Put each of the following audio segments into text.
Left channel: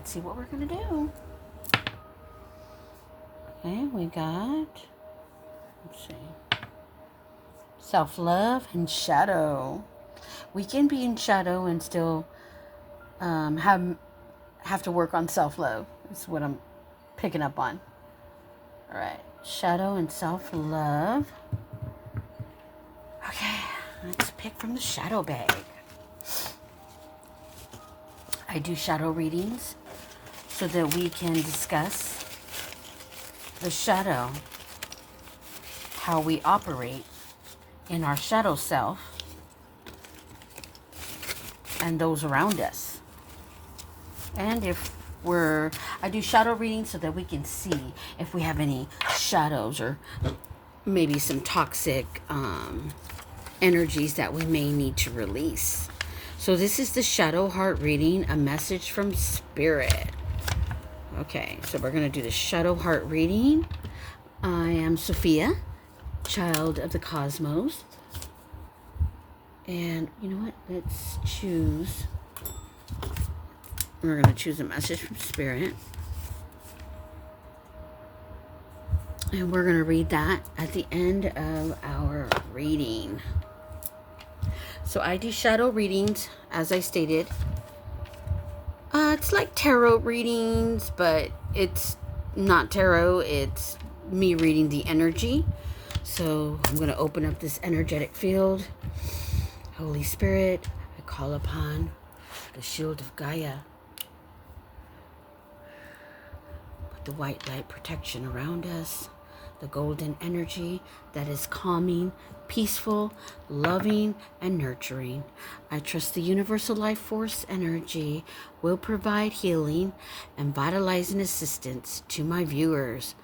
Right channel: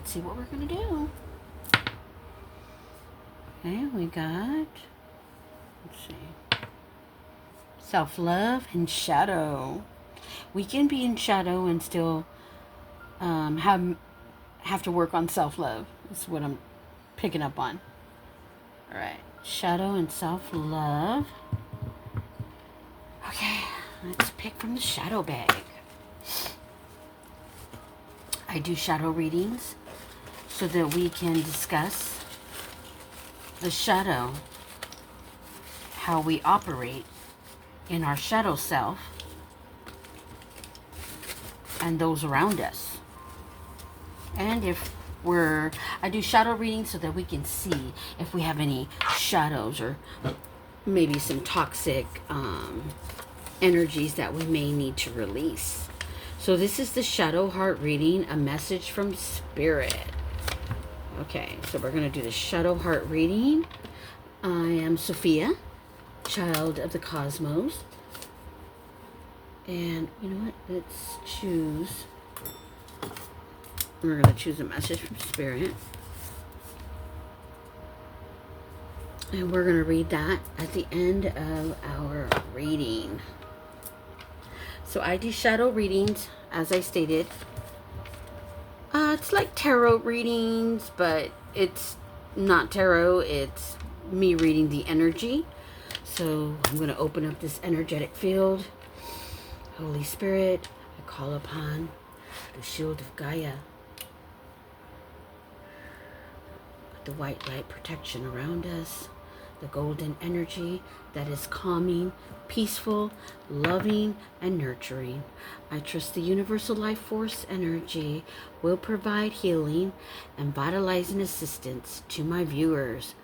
let's see what we're going to do. Okay, we got, let's see, self-love and shadow. We can be in shadow and still have to work on self-love. Is what I'm picking up on. All right, shadow and self-love. Okay, let's pick from the shadow bag. I do shadow readings so that we can discuss the shadow, how we operate in our shadow self and those around us. And if I do shadow readings so that we can see if we have any shadows or maybe some toxic energies that we may need to release. So this is the shadow heart reading, a message from spirit. Okay, so we're going to do the shadow heart reading. I am Sophia, child of the cosmos. And you know what? Let's choose. We're going to choose a message from spirit. And we're going to read that at the end of our reading. So I do shadow readings, as I stated. It's like tarot readings, but it's not tarot. It's me reading the energy. So I'm going to open up this energetic field. Holy Spirit, I call upon the shield of Gaia. Put the white light protection around us. The golden energy that is calming, peaceful, loving, and nurturing. I trust the universal life force energy will provide healing and vitalizing assistance to my viewers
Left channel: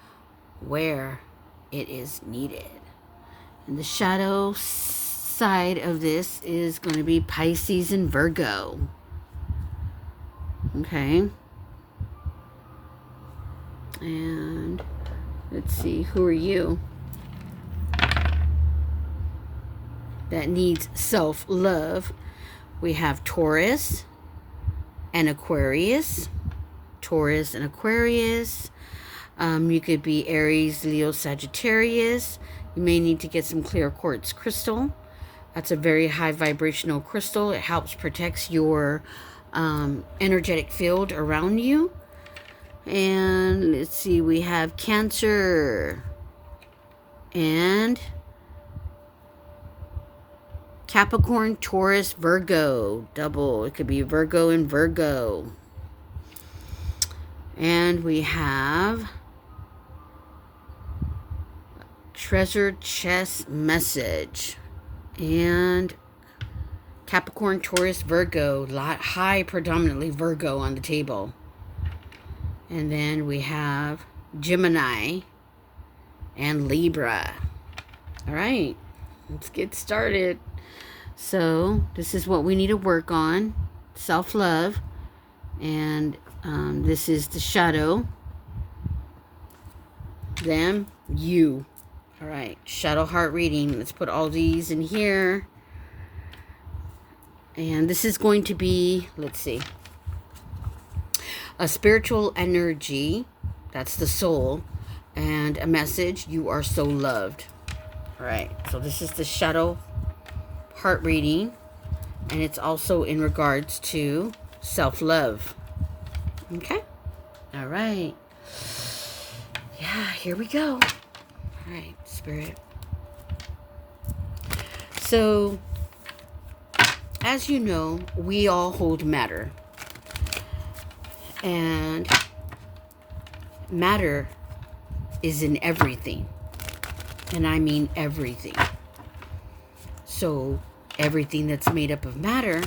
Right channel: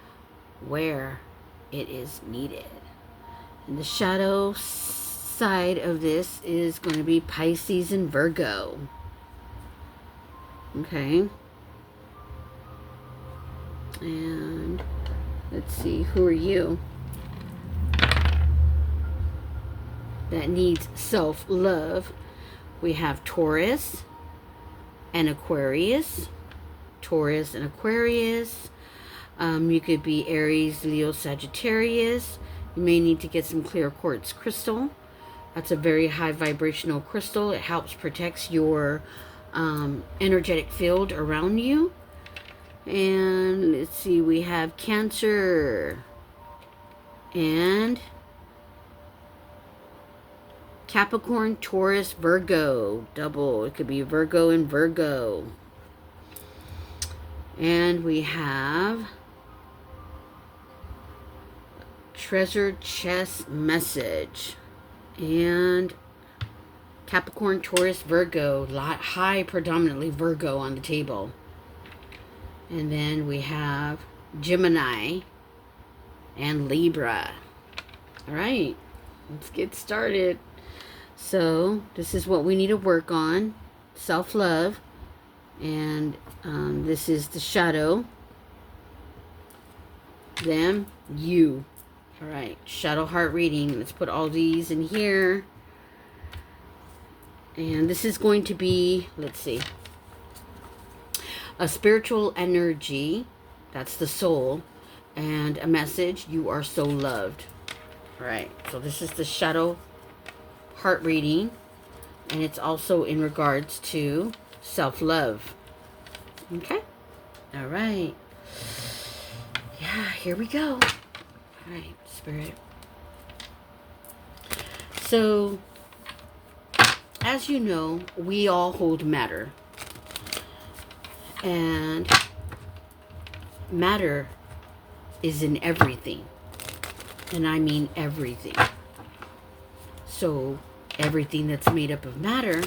where it is needed. And the shadow side of this is going to be Pisces and Virgo. Okay. And let's see, who are you that needs self-love? We have Taurus and Aquarius. Taurus and Aquarius. You could be Aries, Leo, Sagittarius. You may need to get some clear quartz crystal. That's a very high vibrational crystal. It helps protect your energetic field around you. And let's see, we have Cancer and Capricorn, Taurus, Virgo. Double. It could be Virgo and Virgo. And we have Treasure Chest Message. And Capricorn, Taurus, Virgo. High predominantly Virgo on the table. And then we have Gemini and Libra. All right, let's get started. So this is what we need to work on. Self-love. And this is the shadow. Them, you. All right, shadow heart reading. Let's put all these in here. And this is going to be, let's see, a spiritual energy, that's the soul, and a message, you are so loved. All right, so this is the shadow heart reading, and it's also in regards to self-love. Okay, all right. Yeah, here we go. All right, Spirit. So, as you know, we all hold matter. And matter is in everything. And I mean everything. So everything that's made up of matter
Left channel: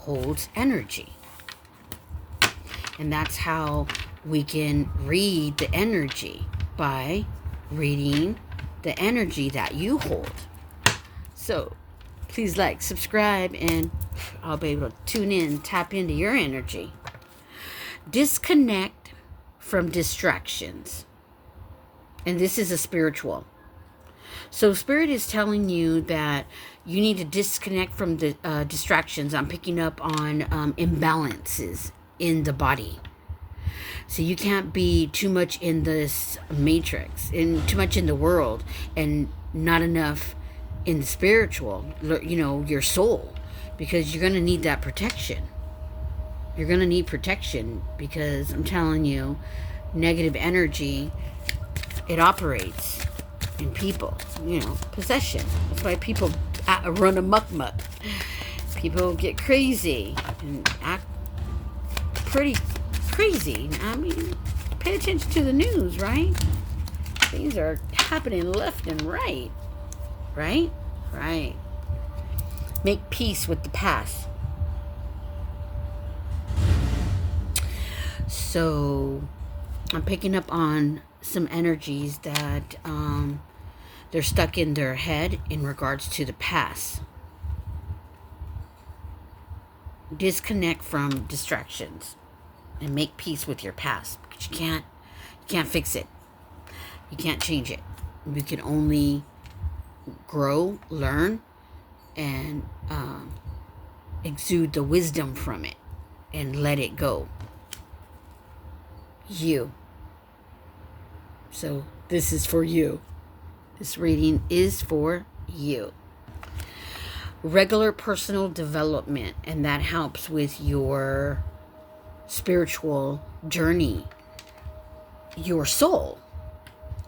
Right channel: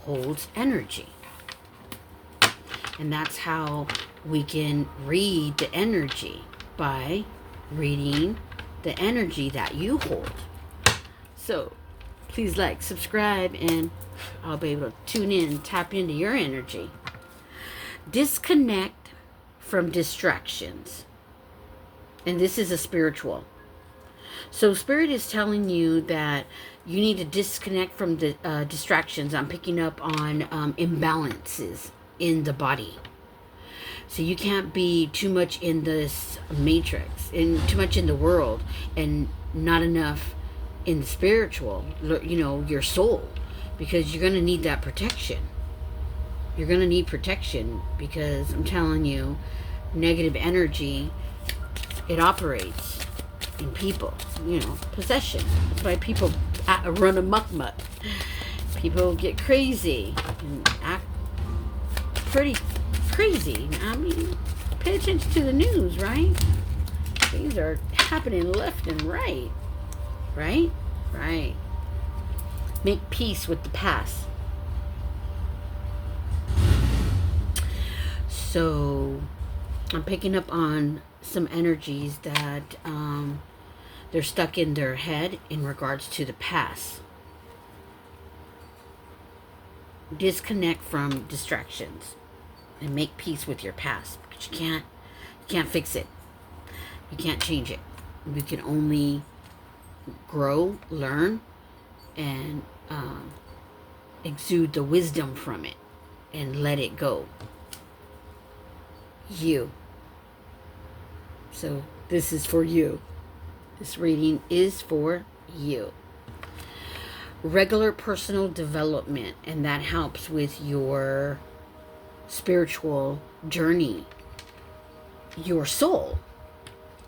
holds energy. And that's how we can read the energy, by reading the energy that you hold. So please like, subscribe, and I'll be able to tune in, tap into your energy. Disconnect from distractions. And this is a spiritual. So Spirit is telling you that you need to disconnect from the distractions. I'm picking up on imbalances in the body. So you can't be too much in this matrix, and too much in the world, and not enough in the spiritual, your soul, because you're going to need that protection. You're going to need protection, because I'm telling you, negative energy, it operates in people, possession. That's why people run amok. People get crazy and act pretty crazy. I mean, pay attention to the news, right? Things are happening left and right. Right? Right. Make peace with the past. So, I'm picking up on some energies that they're stuck in their head in regards to the past. Disconnect from distractions and make peace with your past, because you can't fix it. You can't change it. You can only grow, learn, and exude the wisdom from it and let it go. So this is for you. This reading is for you. Regular personal development, and that helps with your spiritual journey, your soul.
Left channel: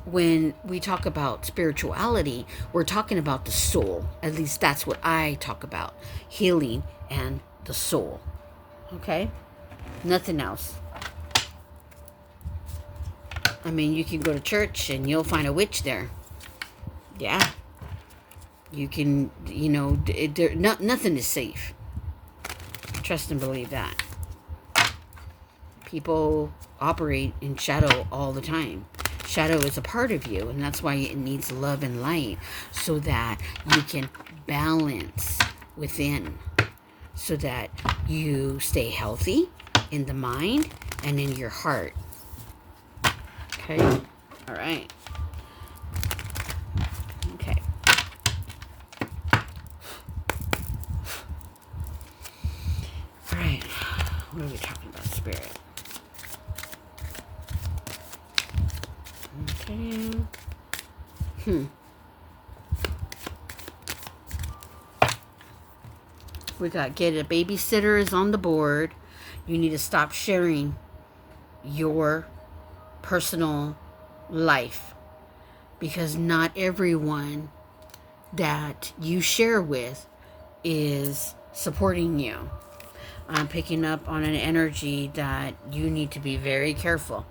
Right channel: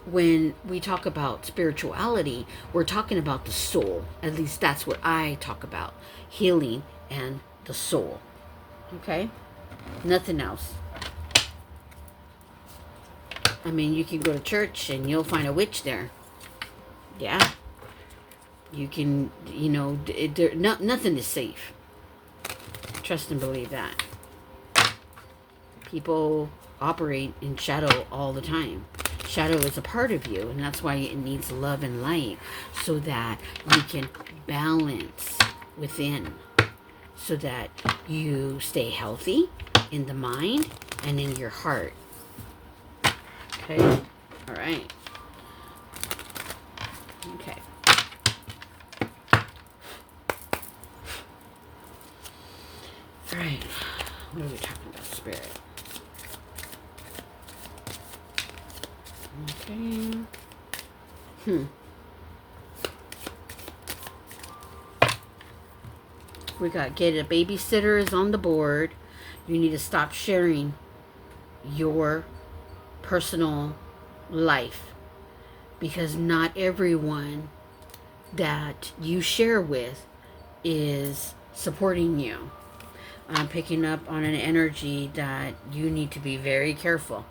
When we talk about spirituality, we're talking about the soul. At least that's what I talk about. Healing and the soul. Okay? Nothing else. I mean, you can go to church and you'll find a witch there. Yeah. You can, nothing is safe. Trust and believe that. People operate in shadow all the time. Shadow is a part of you, and that's why it needs love and light, so that you can balance within, so that you stay healthy in the mind and in your heart. Okay? All right. Okay. All right. What are we talking about? Spirit. Okay. We got get a babysitter is on the board. You need to stop sharing your personal life, because not everyone that you share with is supporting you. I'm picking up on an energy that you need to be very careful.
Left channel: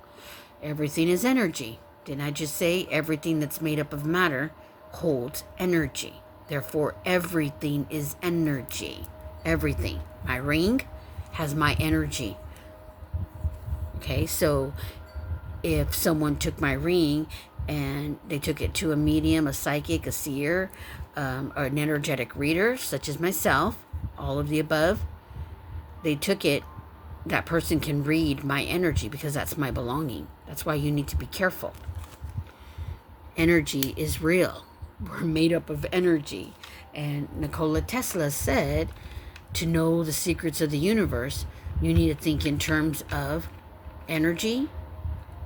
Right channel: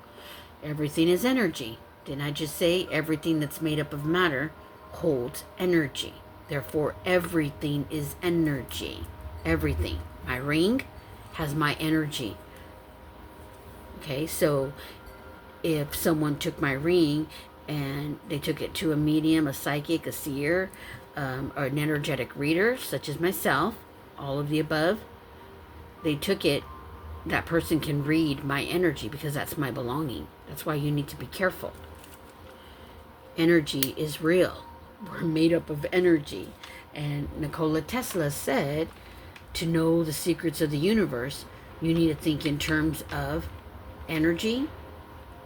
Everything is energy. Didn't I just say everything that's made up of matter holds energy? Therefore, everything is energy. Everything. My ring has my energy. Okay, so if someone took my ring and they took it to a medium, a psychic, a seer, or an energetic reader, such as myself, all of the above, they took it, that person can read my energy, because that's my belonging. That's why you need to be careful. Energy is real. We're made up of energy. And Nikola Tesla said, to know the secrets of the universe, you need to think in terms of energy,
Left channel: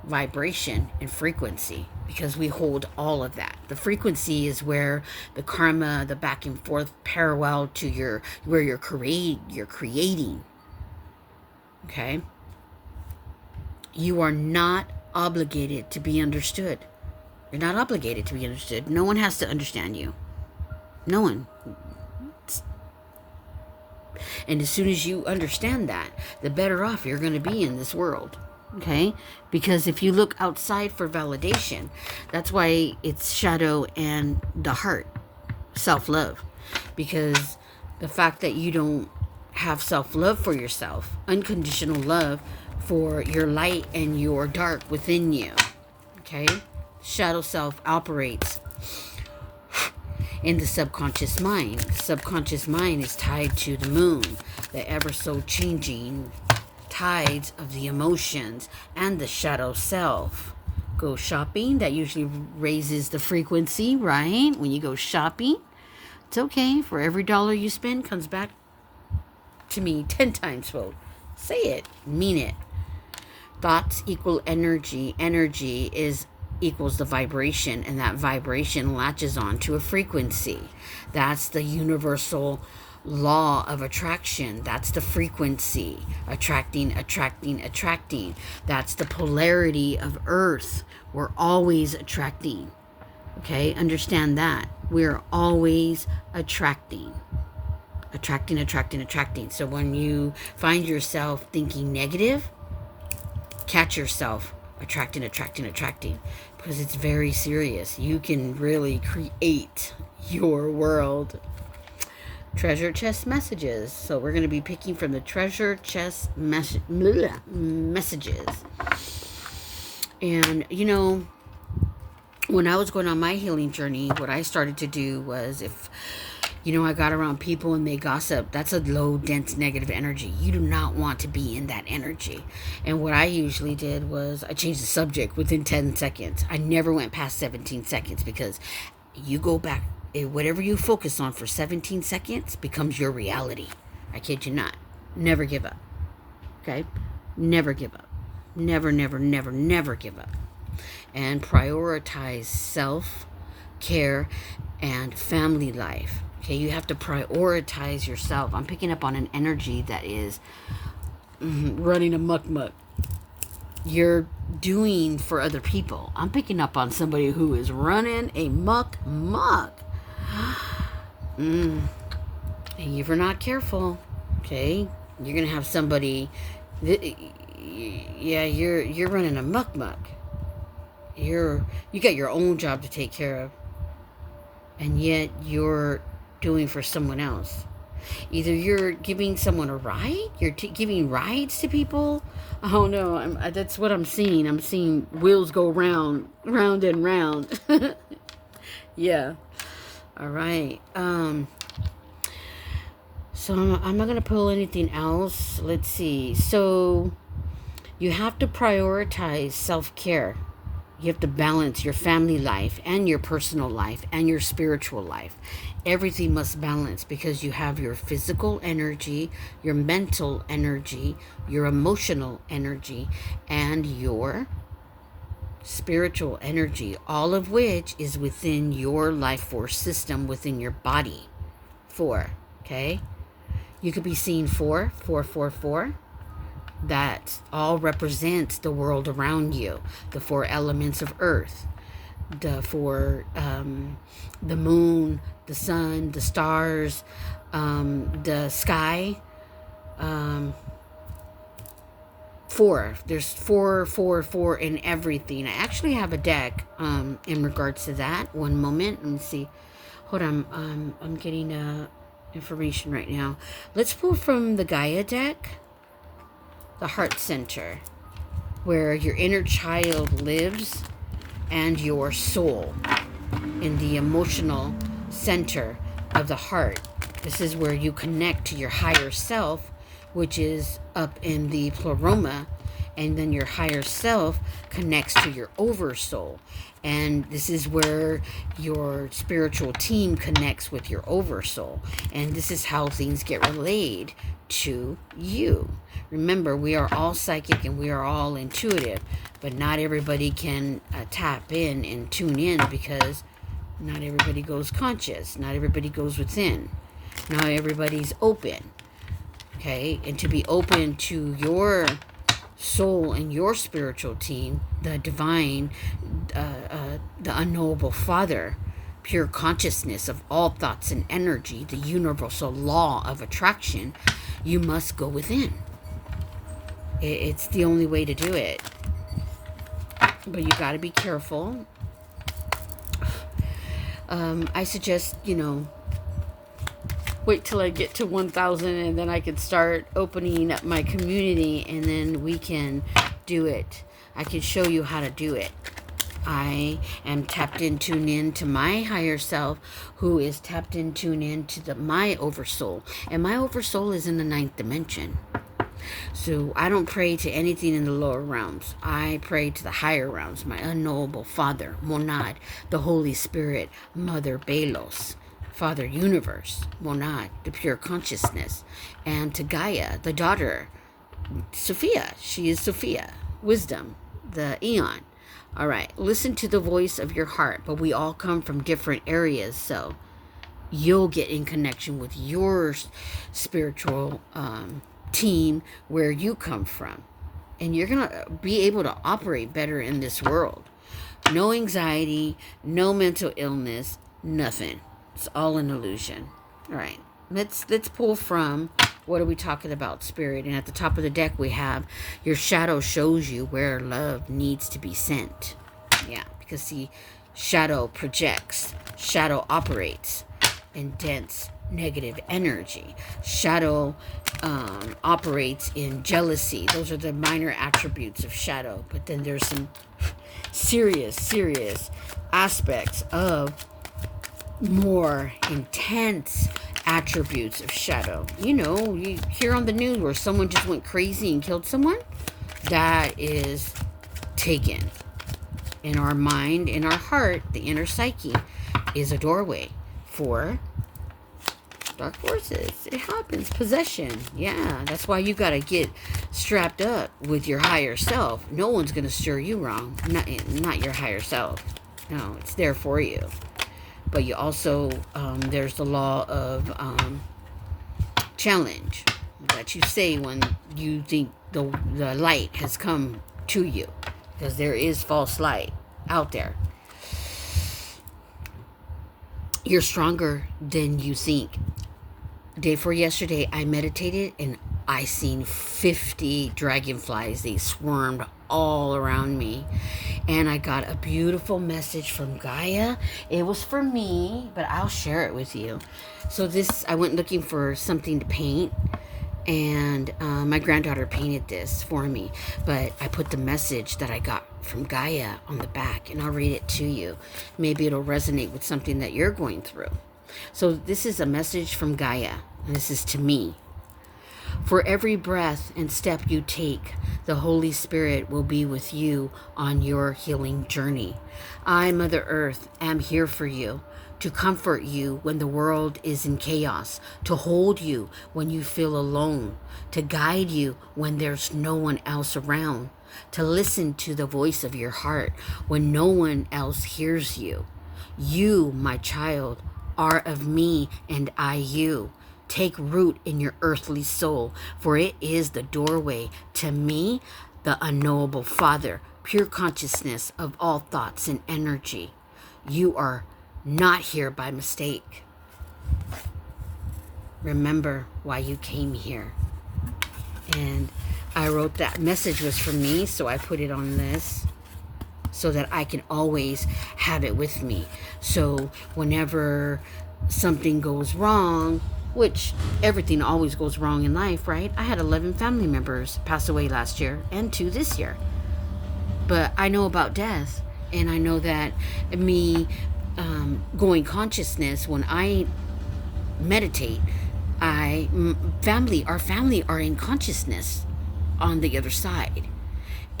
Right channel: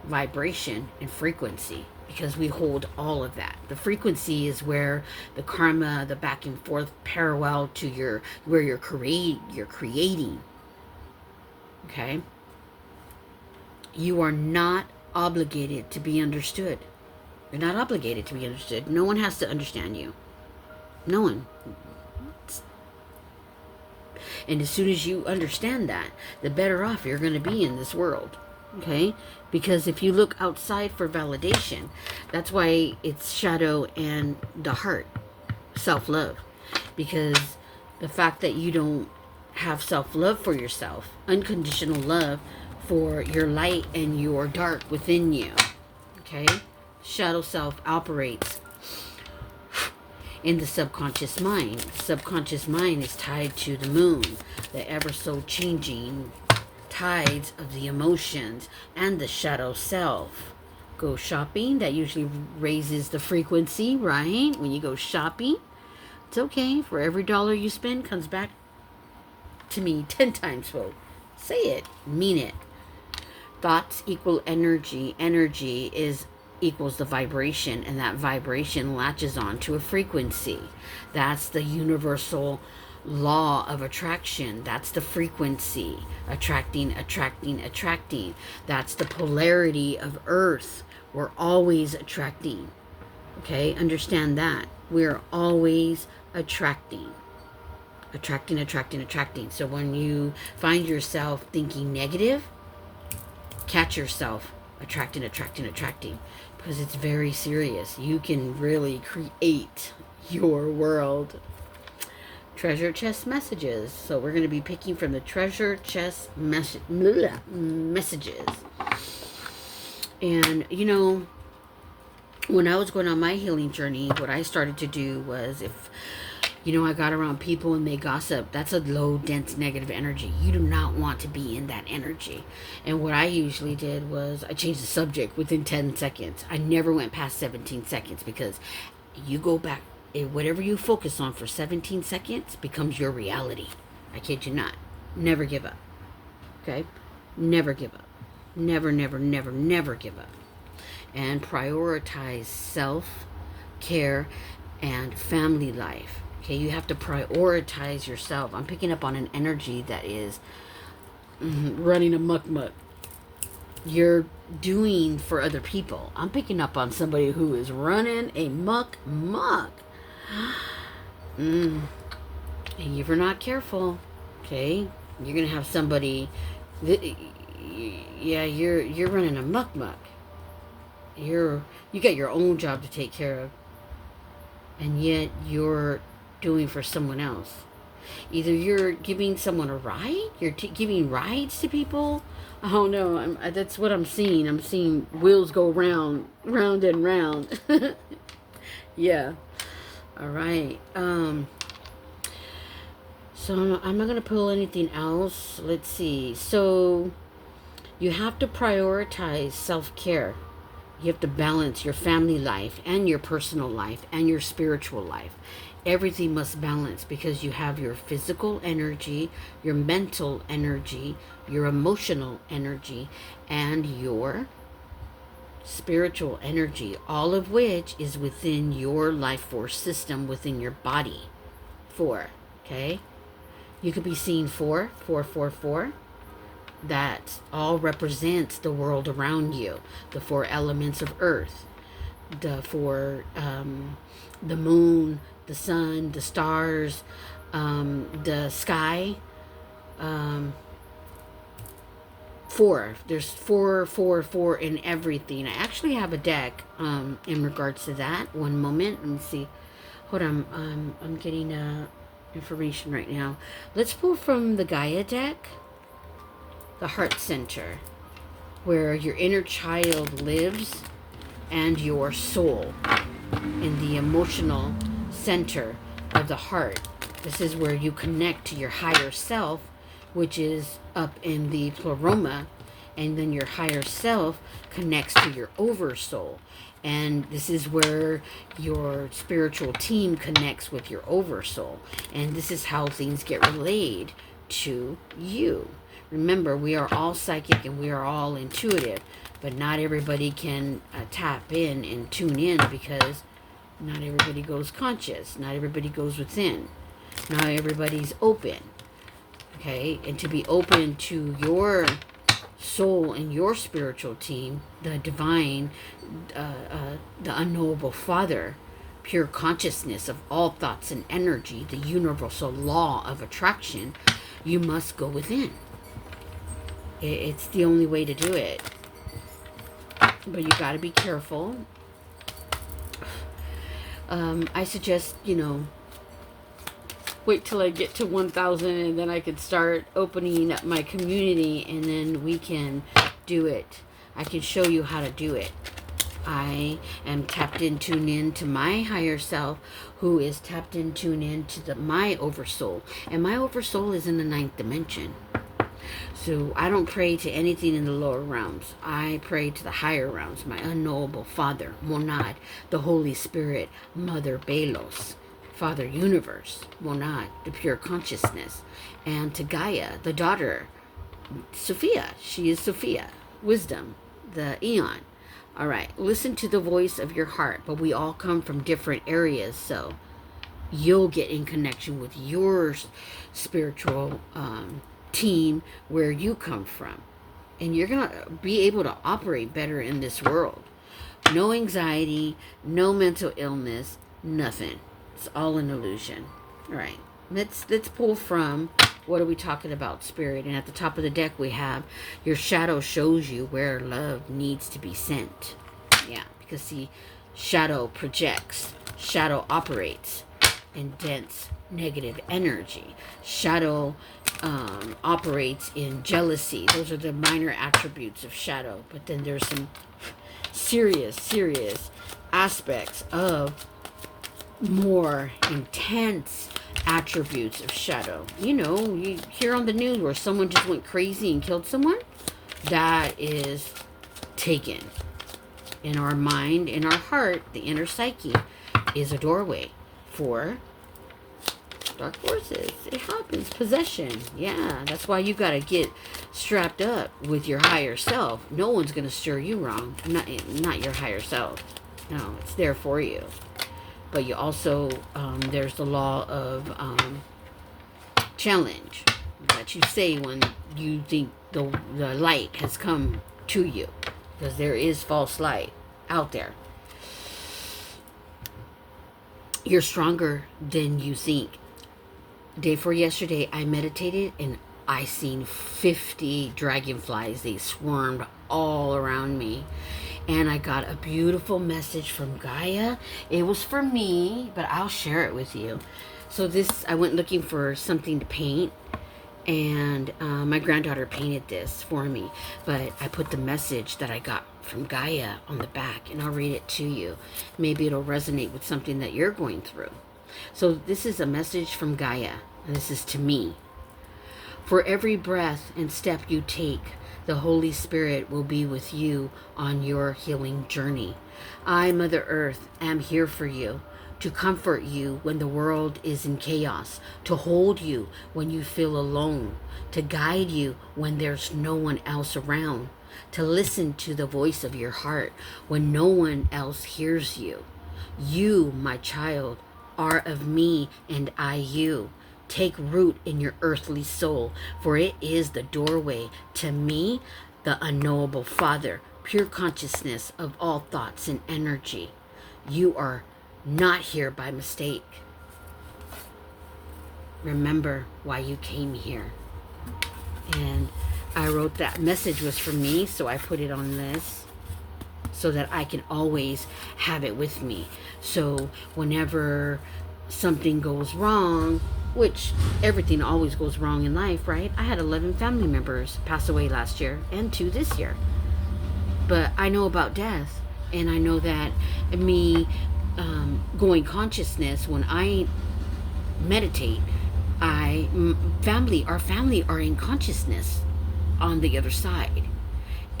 vibration, and frequency, because we hold all of that. The frequency is where the karma, the back and forth parallel to where you're creating. Okay? You are not obligated to be understood. You're not obligated to be understood. No one has to understand you. No one. And as soon as you understand that, the better off you're going to be in this world. Okay? Because if you look outside for validation, that's why it's shadow and the heart, self-love. Because the fact that you don't have self-love for yourself, unconditional love for your light and your dark within you. Okay? Shadow self operates in the subconscious mind. The subconscious mind is tied to the moon, the ever so changing tides of the emotions, and the shadow self. Go shopping, that usually raises the frequency, right? When you go shopping, it's okay. For every dollar you spend, comes back to me 10 times fold. Say it, mean it. Thoughts equal energy. Energy is equals the vibration, and that vibration latches on to a frequency. That's the universal law of attraction. That's the frequency. Attracting, attracting, attracting. That's the polarity of Earth. We're always attracting. Okay, understand that. We're always attracting. Attracting, attracting, attracting. So when you find yourself thinking negative, catch yourself attracting, attracting, attracting, because it's very serious. You can really create your world. Treasure chest messages. So we're going to be picking from the treasure chest messages. And, you know, when I was going on my healing journey, what I started to do was, if, you know, I got around people and they gossip, that's a low, dense, negative energy. You do not want to be in that energy. And what I usually did was I changed the subject within 10 seconds. I never went past 17 seconds, because you go back, whatever you focus on for 17 seconds becomes your reality. I kid you not. Never give up. Okay? Never give up. Never, never, never, never give up. And prioritize self-care and family life. Okay, you have to prioritize yourself. I'm picking up on an energy that is running a muck. You're doing for other people. I'm picking up on somebody who is running a muck. And if you're not careful, okay, you're gonna have somebody you're running a muck. You got your own job to take care of, and yet you're doing for someone else. Either you're giving someone a ride, you're giving rides to people. Oh no, that's what I'm seeing. I'm seeing wheels go round and round. Yeah. All right. So I'm not gonna pull anything else. Let's see. So you have to prioritize self-care. You have to balance your family life and your personal life and your spiritual life. Everything must balance, because you have your physical energy, your mental energy, your emotional energy, and your spiritual energy, all of which is within your life force system, within your body. 4, okay? You could be seeing 4. That all represents the world around you, the 4 elements of Earth, the 4, the moon, the sun, the stars, the sky. 4. There's 4 in everything. I actually have a deck in regards to that. One moment. Let me see. Hold on. I'm getting information right now. Let's pull from the Gaia deck. The heart center, where your inner child lives, and your soul in the emotional center of the heart. This is where you connect to your higher self, which is up in the pleroma, and then your higher self connects to your oversoul. And this is where your spiritual team connects with your oversoul. And this is how things get relayed to you. Remember, we are all psychic and we are all intuitive, but not everybody can tap in and tune in, because not everybody goes conscious. Not everybody goes within. Not everybody's open. Okay? And to be open to your soul and your spiritual team, the divine, the unknowable Father, pure consciousness of all thoughts and energy, the universal law of attraction, you must go within. It's the only way to do it. But you got to be careful. I suggest, wait till I get to 1,000, and then I could start opening up my community, and then we can do it. I can show you how to do it. I am tapped in, tuned in to my higher self, who is tapped in, tuned in to my oversoul. And my oversoul is in the 9th dimension. So I don't pray to anything in the lower realms. I pray to the higher realms, my unknowable Father, Monad, the Holy Spirit, Mother Belos, Father Universe, Monad, the pure consciousness, and to Gaia, the daughter, Sophia. She is Sophia. wisdom, the eon. All right, listen to the voice of your heart, but we all come from different areas, so you'll get in connection with your spiritual team where you come from, and you're gonna be able to operate better in this world. No anxiety, no mental illness, nothing. It's all an illusion. All right, let's pull from, what are we talking about, spirit? And at the top of the deck we have, your shadow shows you where love needs to be sent. Yeah, because see, shadow projects, shadow operates in dense negative energy. Shadow operates in jealousy. Those are the minor attributes of shadow. But then there's some serious aspects of more intense attributes of shadow. You know, you hear on the news where someone just went crazy and killed someone. That is taken. In our mind, in our heart, the inner psyche is a doorway for dark forces. It happens. Possession. Yeah, that's why you got to get strapped up with your higher self. No one's going to steer you wrong. Not your higher self. No, it's there for you. But you also, there's the law of challenge that you say when you think the light has come to you. Because there is false light out there. You're stronger than you think. Day before yesterday, I meditated and I seen 50 dragonflies. They swarmed all around me. And I got a beautiful message from Gaia. It was for me, but I'll share it with you. So I went looking for something to paint. And my granddaughter painted this for me. But I put the message that I got from Gaia on the back. And I'll read it to you. Maybe it'll resonate with something that you're going through. So this is a message from Gaia. And this is to me. For every breath and step you take, the Holy Spirit will be with you on your healing journey. I, Mother Earth, am here for you, to comfort you when the world is in chaos, to hold you when you feel alone, to guide you when there's no one else around, to listen to the voice of your heart when no one else hears you. You, my child, are of me and I you. Take root in your earthly soul, for it is the doorway to me, the unknowable Father, pure consciousness of all thoughts and energy. You are not here by mistake. Remember why you came here. And I wrote that message was for me, so I put it on this so that I can always have it with me. So whenever something goes wrong, which everything always goes wrong in life, right? I had 11 family members pass away last year and 2 this year. But I know about death, and I know that me going consciousness, when I meditate, our family are in consciousness on the other side.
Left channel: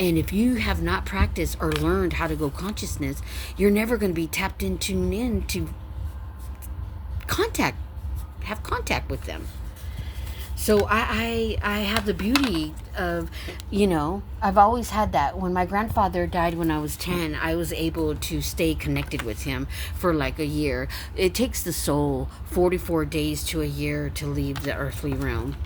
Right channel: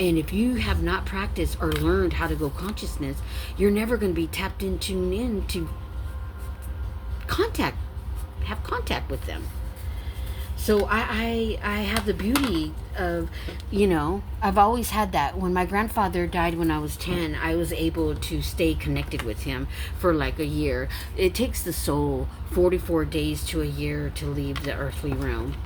And if you have not practiced or learned how to go consciousness, you're never going to be tapped in, tuned in to have contact with them. So I have the beauty of, I've always had that. When my grandfather died when I was 10, I was able to stay connected with him for like a year. It takes the soul 44 days to a year to leave the earthly realm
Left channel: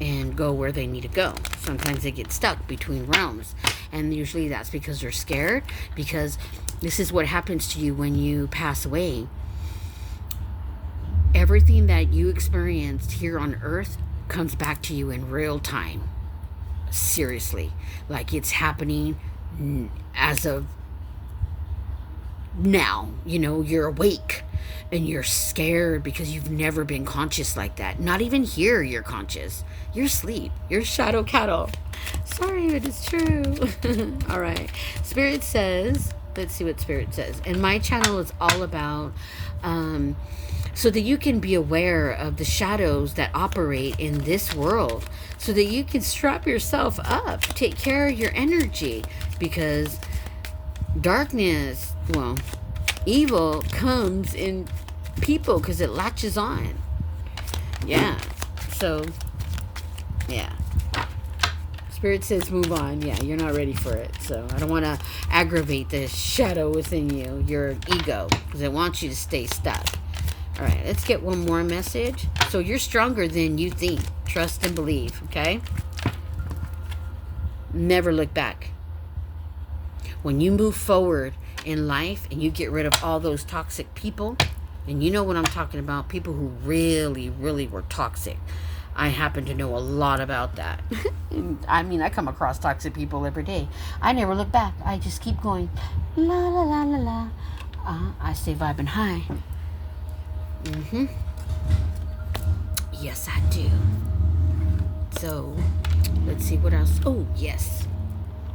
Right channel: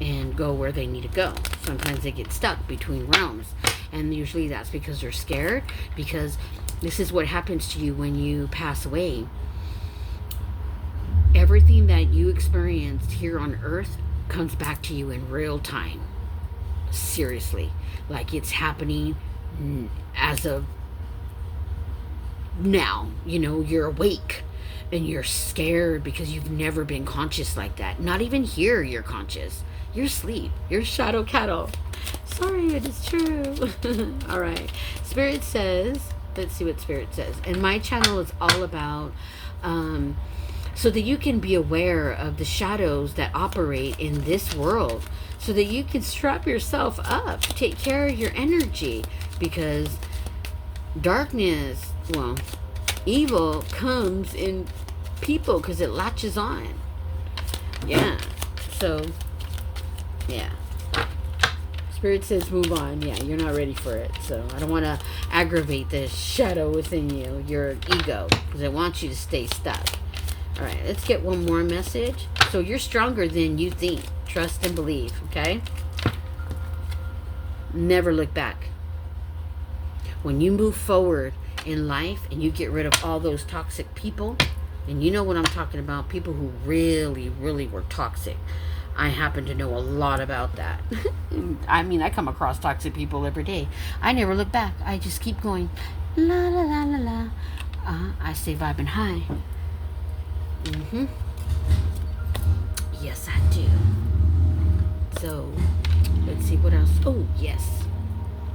and go where they need to go. Sometimes they get stuck between realms, and usually that's because they're scared, because this is what happens to you when you pass away. Everything that you experienced here on earth comes back to you in real time. Seriously. Like it's happening as of now. You're awake and you're scared because you've never been conscious like that. Not even here you're conscious. You're asleep. You're shadow cattle. Sorry, but it's true. All right. Spirit says, let's see what Spirit says. And my channel is all about so that you can be aware of the shadows that operate in this world, so that you can strap yourself up, take care of your energy, because darkness, evil comes in people because it latches on. Yeah. So, yeah. Spirit says move on. Yeah, you're not ready for it. So I don't want to aggravate the shadow within you, your ego, because it wants you to stay stuck. All right, let's get one more message. So you're stronger than you think. Trust and believe, okay? Never look back. When you move forward in life and you get rid of all those toxic people, and you know what I'm talking about, people who really, really were toxic. I happen to know a lot about that. I mean, I come across toxic people every day. I never look back. I just keep going. La, la, la, la, la. I stay vibing high. Yes, I do. So, let's see what else. Oh, yes.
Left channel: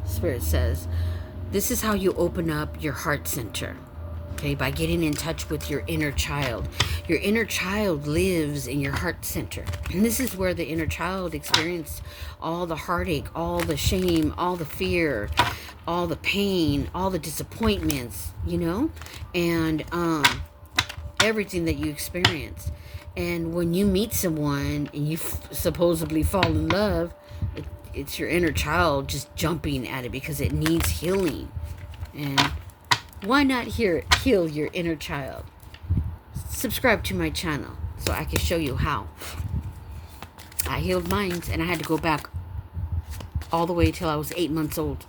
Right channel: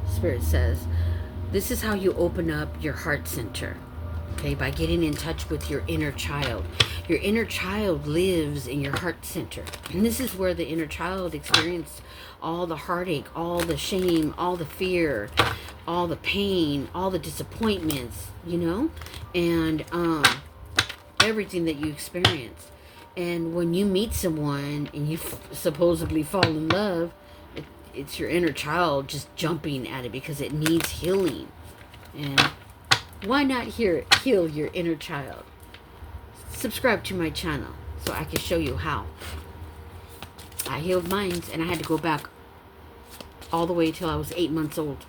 Spirit says, this is how you open up your heart center. Okay, by getting in touch with your inner child. Your inner child lives in your heart center. And this is where the inner child experienced all the heartache, all the shame, all the fear, all the pain, all the disappointments, you know? And everything that you experienced. And when you meet someone and you supposedly fall in love, it's your inner child just jumping at it because it needs healing. And why not heal your inner child? Subscribe to my channel so I can show you how. I healed mine, and I had to go back all the way till I was 8 months old.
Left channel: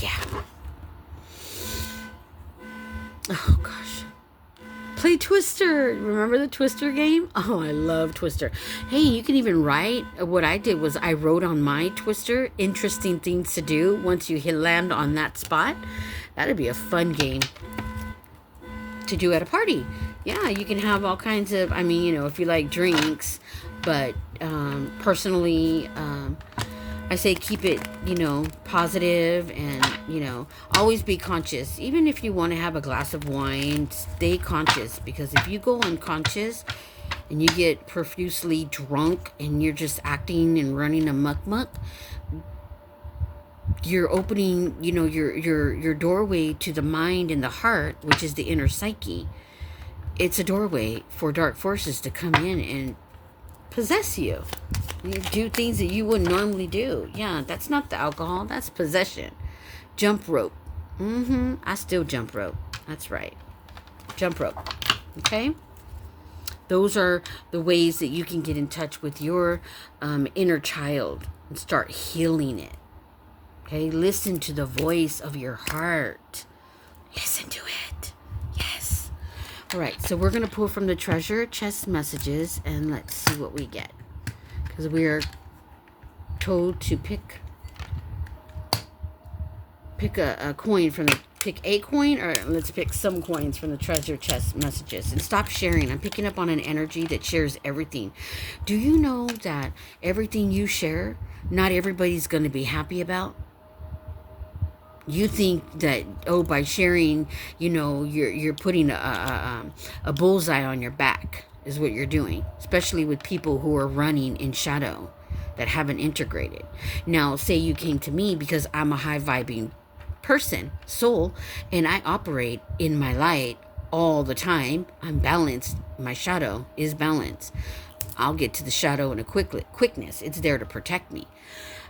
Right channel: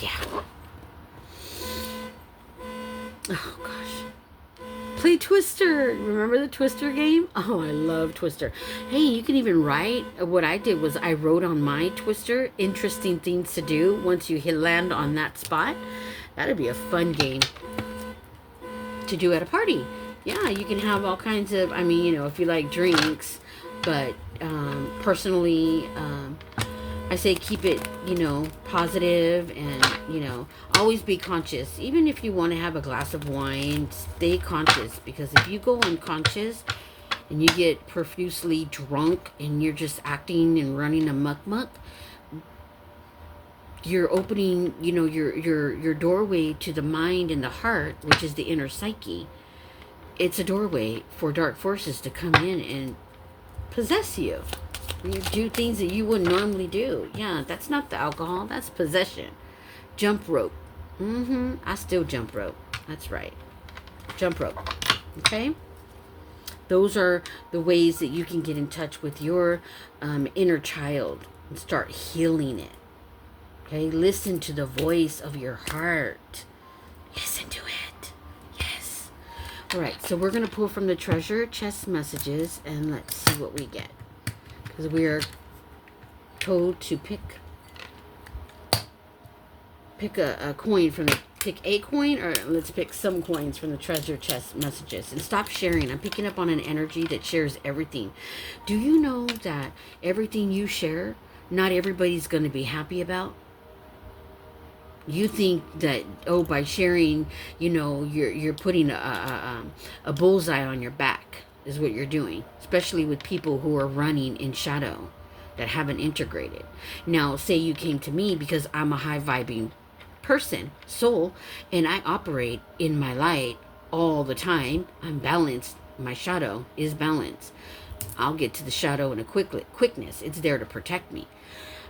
Yeah. Oh, gosh. Play Twister. Remember the Twister game? Oh, I love Twister. Hey, you can even write. What I did was I wrote on my Twister interesting things to do once you land on that spot. That'd be a fun game to do at a party. Yeah, you can have all kinds of, I mean, you know, if you like drinks, but personally, I say keep it, you know, positive and, you know, always be conscious. Even if you want to have a glass of wine, stay conscious, because if you go unconscious and you get profusely drunk and you're just acting and running amok, you're opening, you know, your doorway to the mind and the heart, which is the inner psyche. It's a doorway for dark forces to come in and possess you. You do things that you wouldn't normally do. Yeah, that's not the alcohol. That's possession. Jump rope. I still jump rope. That's right. Jump rope. Okay? Those are the ways that you can get in touch with your inner child and start healing it. Okay? Listen to the voice of your heart. Listen to it. Yes. All right. So we're going to pull from the treasure chest messages and let's see what we get. Because we are told to pick a coin from the, pick a coin, or let's pick some coins from the treasure chest messages and stop sharing. I'm picking up on an energy that shares everything. Do you know that everything you share, not everybody's going to be happy about? You think that, oh, by sharing, you know, you're putting a bullseye on your back is what you're doing, especially with people who are running in shadow that haven't integrated. Now, say you came to me because I'm a high vibing person, soul, and I operate in my light all the time. I'm balanced. My shadow is balanced. I'll get to the shadow in a quickness. It's there to protect me.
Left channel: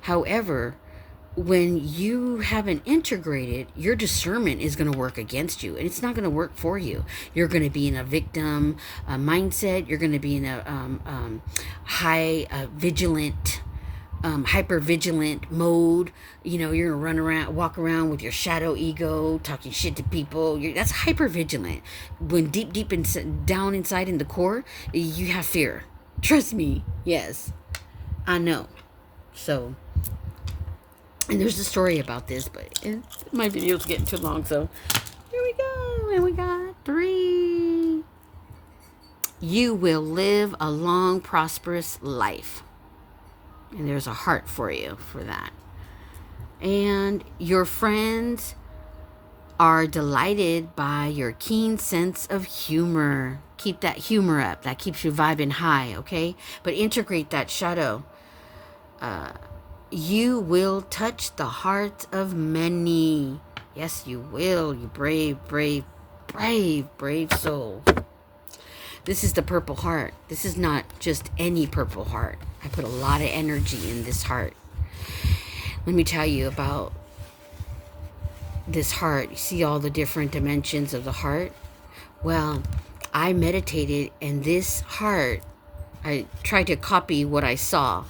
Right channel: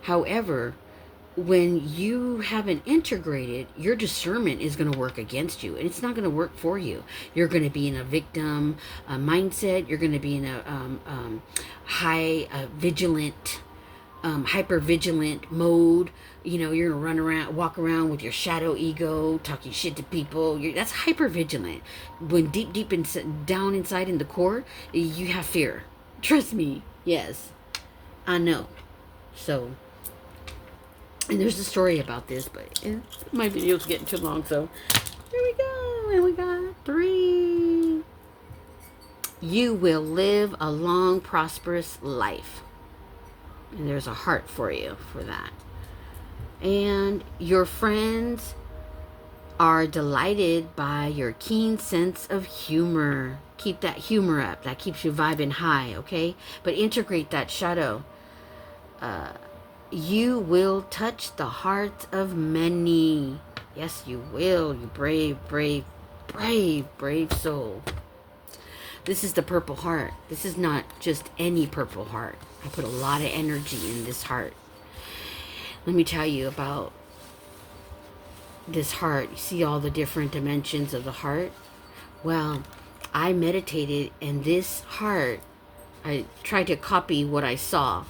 However, when you haven't integrated, your discernment is going to work against you, and it's not going to work for you. You're going to be in a victim mindset. You're going to be in a high vigilant, hyper vigilant mode. You know, you're going to walk around with your shadow ego, talking shit to people. That's hyper vigilant. When deep down inside in the core, you have fear. Trust me. Yes, I know. So. And there's a story about this, but my video's getting too long, so here we go. And we got 3. You will live a long, prosperous life. And there's a heart for you for that. And your friends are delighted by your keen sense of humor. Keep that humor up. That keeps you vibing high, okay? But integrate that shadow. You will touch the hearts of many. Yes, you will. You brave soul. This is the purple heart. This is not just any purple heart. I put a lot of energy in this heart. Let me tell you about this heart. You see all the different dimensions of the heart? Well, I meditated, and this heart, I tried to copy what I saw.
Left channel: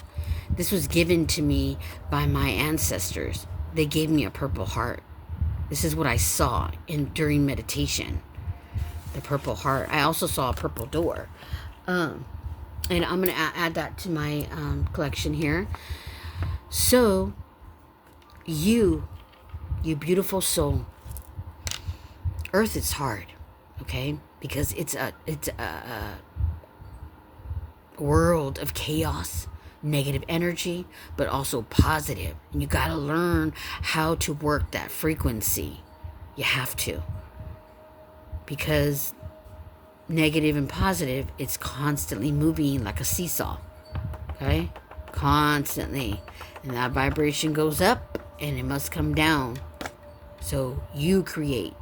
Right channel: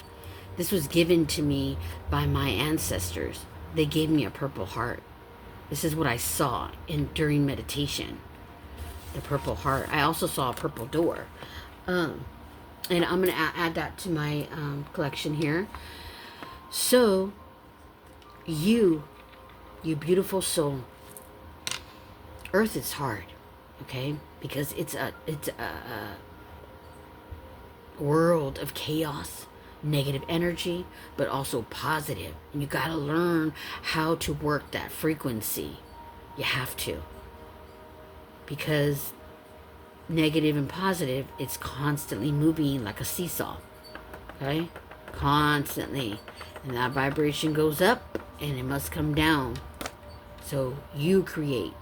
This was given to me by my ancestors. They gave me a purple heart. This is what I saw during meditation. The purple heart. I also saw a purple door. And I'm going to add that to my collection here. So, you beautiful soul, Earth is hard, okay? Because it's a world of chaos, negative energy, but also positive. And you got to learn how to work that frequency. You have to. Because negative and positive, it's constantly moving like a seesaw, okay? Constantly. And that vibration goes up and it must come down. So you create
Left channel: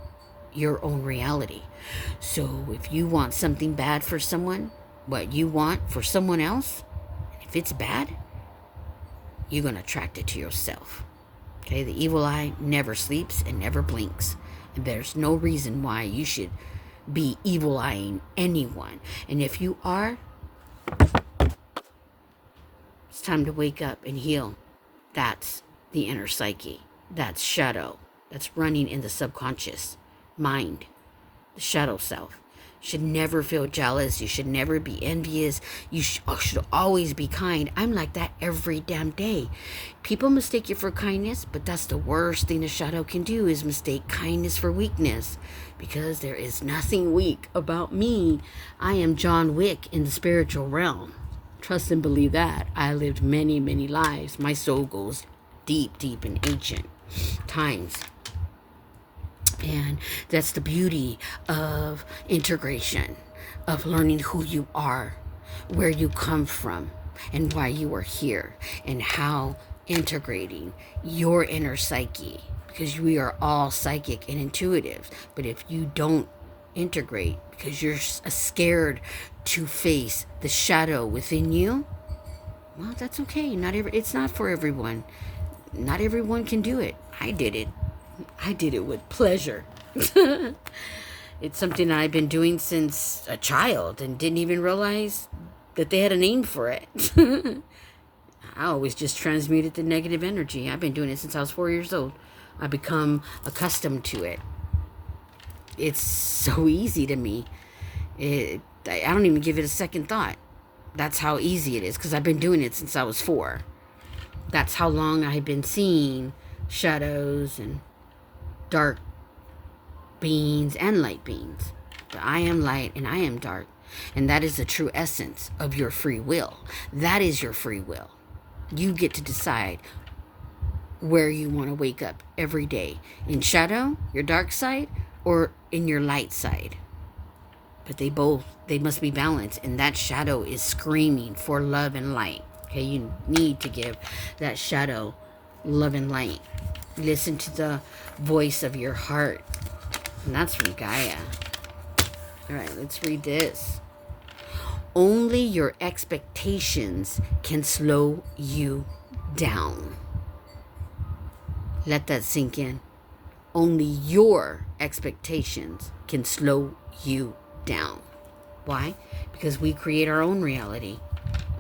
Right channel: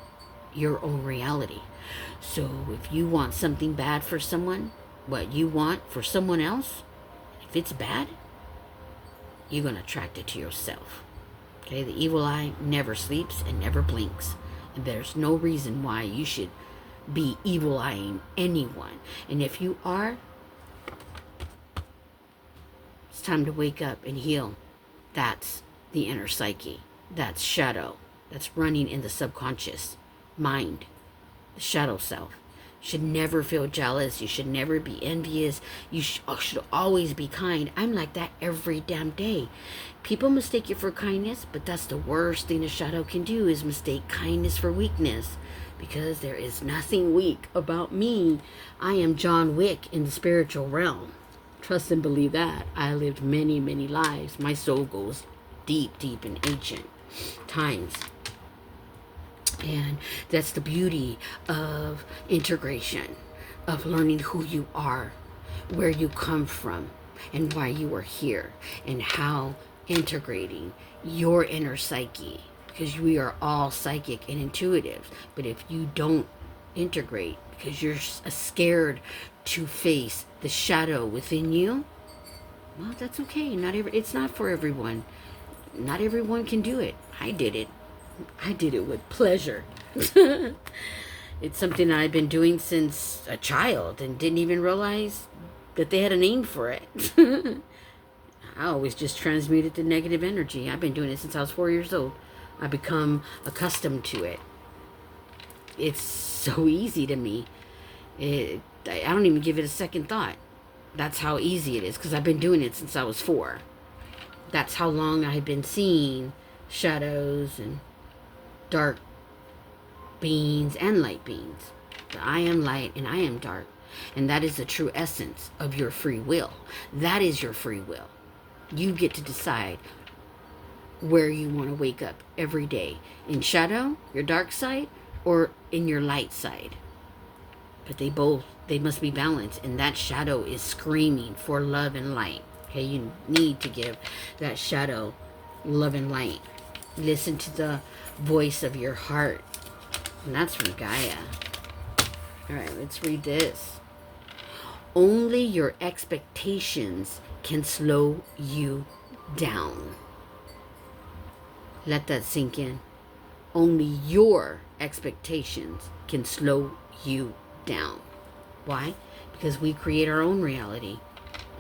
your own reality. So if you want something bad for someone, what you want for someone else, if it's bad, you're going to attract it to yourself. Okay, the evil eye never sleeps and never blinks. And there's no reason why you should be evil eyeing anyone. And if you are, it's time to wake up and heal. That's the inner psyche. That's shadow. That's running in the subconscious mind, the shadow self. You should never feel jealous. You should never be envious. You should always be kind. I'm like that every damn day. People mistake you for kindness, but that's the worst thing a shadow can do, is mistake kindness for weakness. Because there is nothing weak about me. I am John Wick in the spiritual realm. Trust and believe that. I lived many, many lives. My soul goes deep, deep in ancient times. And that's the beauty of integration, of learning who you are, where you come from, and why you are here, and how integrating your inner psyche, because we are all psychic and intuitive. But if you don't integrate because you're scared to face the shadow within you, well, that's okay. It's not for everyone. Not everyone can do it. I did it. I did it with pleasure. It's something I've been doing since a child and didn't even realize that they had a name for it. I always just transmuted the negative energy. I've been doing it since I was 4 years old. I've become accustomed to it. It's so easy to me. I don't even give it a second thought. That's how easy it is, because I've been doing it since I was 4. That's how long I've been seeing shadows and dark beings and light beings. But I am light and I am dark. And that is the true essence of your free will. That is your free will. You get to decide where you want to wake up every day. In shadow, your dark side, or in your light side. But they must be balanced. And that shadow is screaming for love and light. Okay, you need to give that shadow love and light. Listen to the voice of your heart. And that's from Gaia. All right, let's read this. Only your expectations can slow you down. Let that sink in. Only your expectations can slow you down. Why? Because we create our own reality.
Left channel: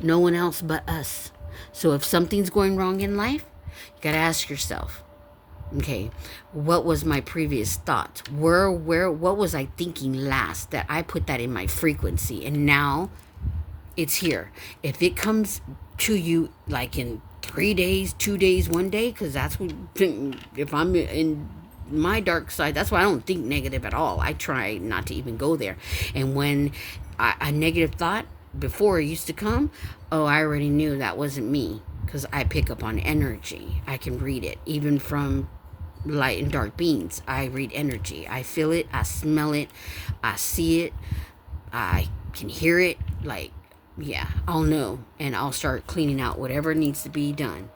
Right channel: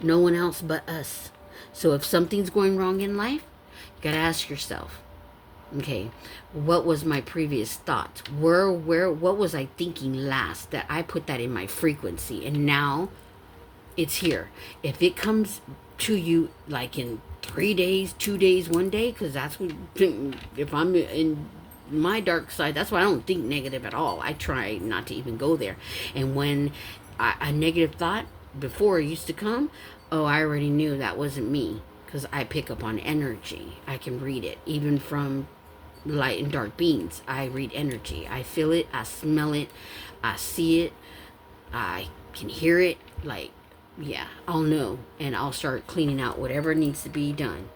No one else but us. So if something's going wrong in life, you got to ask yourself, okay, what was my previous thought? What was I thinking last that I put that in my frequency? And now it's here. If it comes to you like in 3 days, 2 days, 1 day, because that's what, if I'm in my dark side, that's why I don't think negative at all. I try not to even go there. And when a negative thought before it used to come, oh, I already knew that wasn't me, because I pick up on energy. I can read it. Even from light and dark beings, I read energy. I feel it, I smell it, I see it, I can hear it. Like, yeah, I'll know, and I'll start cleaning out whatever needs to be done,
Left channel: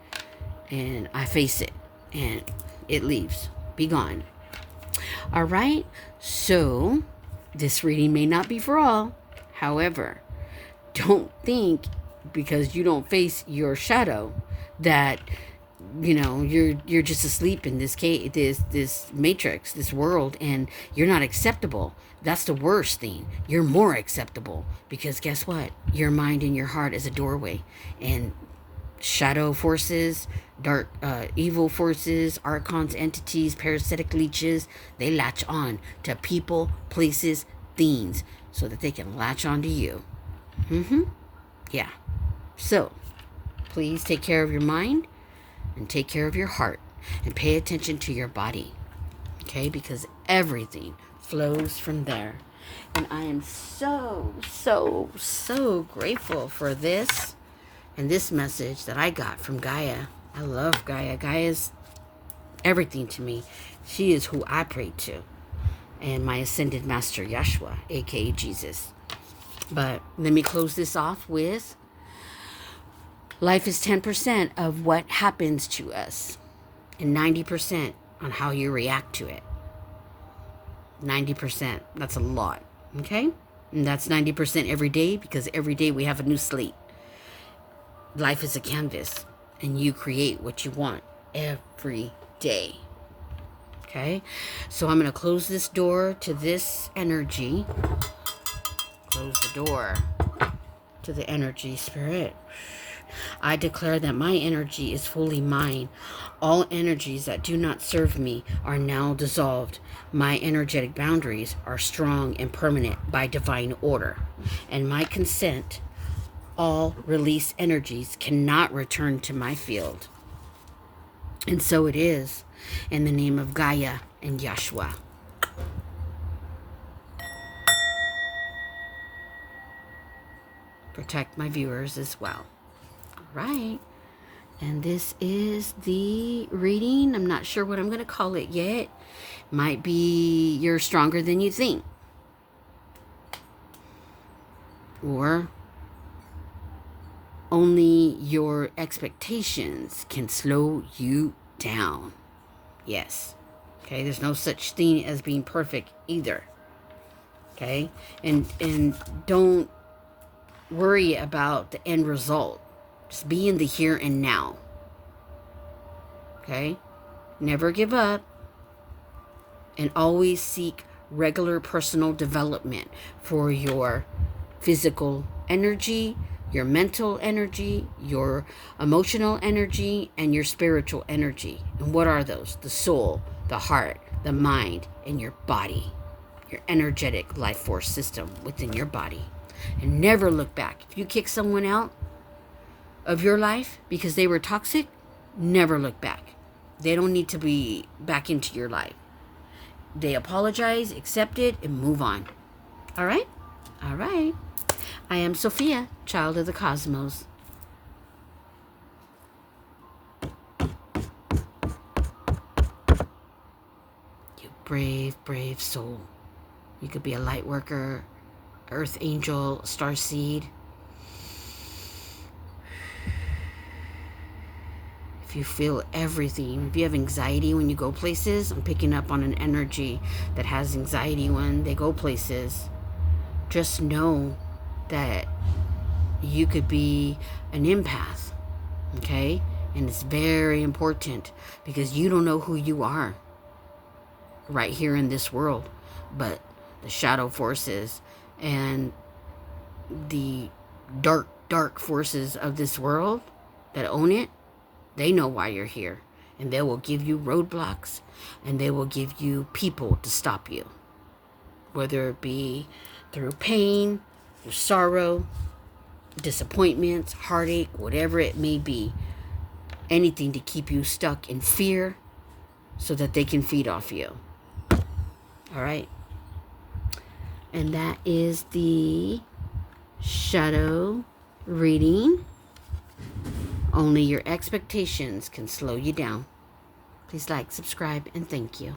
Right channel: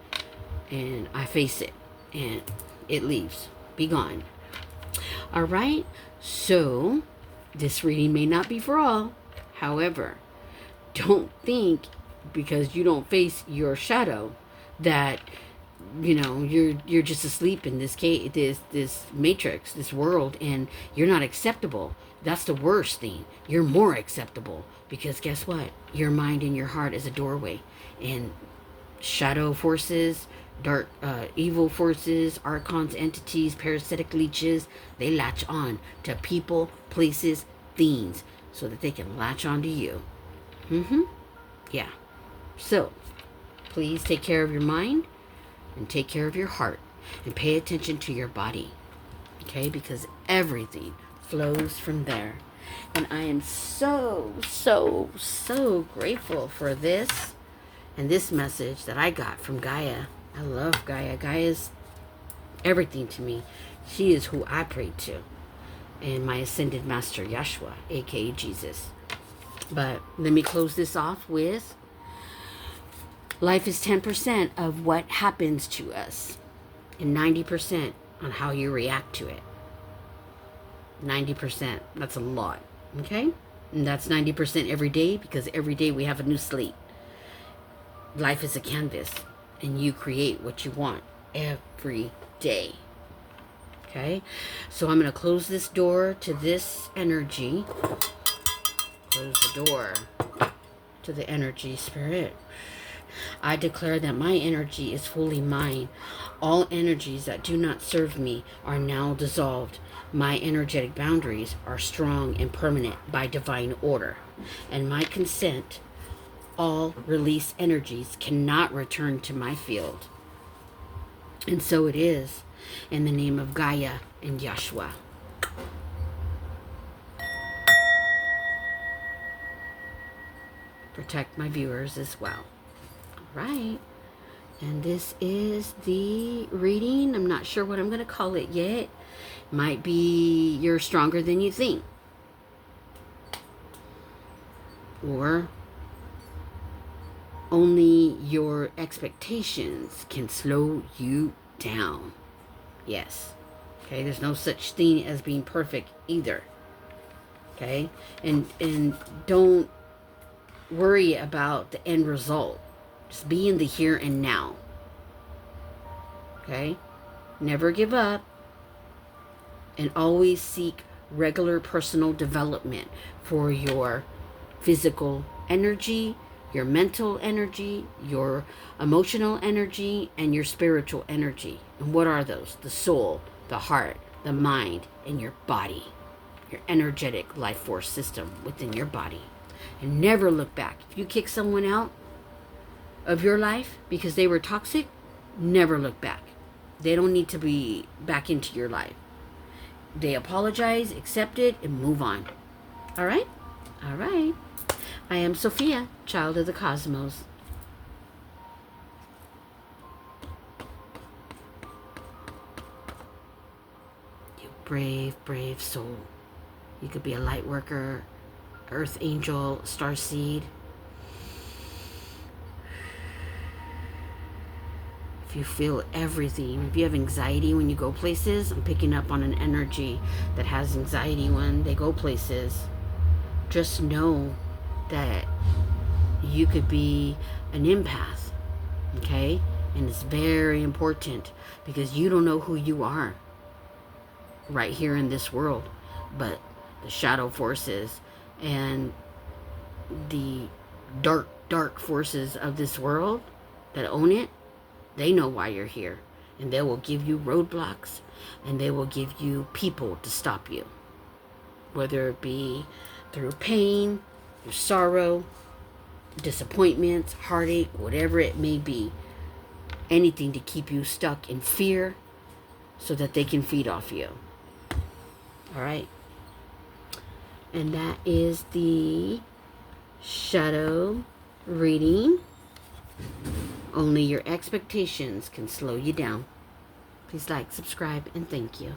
and I face it, and it leaves. Be gone. All right, so this reading may not be for all. However, don't think because you don't face your shadow that you're just asleep in this matrix, this world, and you're not acceptable. That's the worst thing. You're more acceptable because guess what? Your mind and your heart is a doorway, and shadow forces, dark, evil forces, archons, entities, parasitic leeches, they latch on to people, places, things, so that they can latch on to you. Yeah. So, please take care of your mind and take care of your heart and pay attention to your body. Okay? Because everything flows from there. And I am so, so, so grateful for this and this message that I got from Gaia. I love Gaia. Gaia's everything to me. She is who I pray to. And my ascended master, Yeshua, aka Jesus. But let me close this off with life is 10% of what happens to us, and 90% on how you react to it. 90%. That's a lot. Okay? And that's 90% every day, because every day we have a new slate. Life is a canvas, and you create what you want every day. Okay? So I'm going to close this door to this energy. Close the door to the energy, spirit. I declare that my energy is fully mine. All energies that do not serve me are now dissolved. My energetic boundaries are strong and permanent by divine order. And my consent, all release energies cannot return to my field. And so it is, in the name of Gaia and Yeshua. Protect my viewers as well. All right. And this is the reading. I'm not sure what I'm going to call it yet. Might be You're Stronger Than You Think. Or Only Your Expectations Can Slow You Down. Yes. Okay, there's no such thing as being perfect either. Okay? And don't worry about the end result. Just be in the here and now. Okay? Never give up. And always seek regular personal development for your physical energy, your mental energy, your emotional energy, and your spiritual energy. And what are those? The soul, the heart, the mind, and your body. Your energetic life force system within your body. And never look back. If you kick someone out of your life because they were toxic, never look back. They don't need to be back into your life. They apologize, accept it, and move on. All right? All right. I am Sophia, child of the cosmos. You brave, brave soul. You could be a light worker, earth angel, star seed. If you feel everything, if you have anxiety when you go places, I'm picking up on an energy that has anxiety when they go places. Just know that you could be an empath, okay? And it's very important because you don't know who you are right here in this world. But the shadow forces and the dark forces of this world that own it, they know why you're here, and they will give you roadblocks, and they will give you people to stop you, whether it be through pain, through sorrow, disappointments, heartache, whatever it may be. Anything to keep you stuck in fear so that they can feed off you. All right. And that is the shadow reading. Only your expectations can slow you down. Please like, subscribe, and thank you.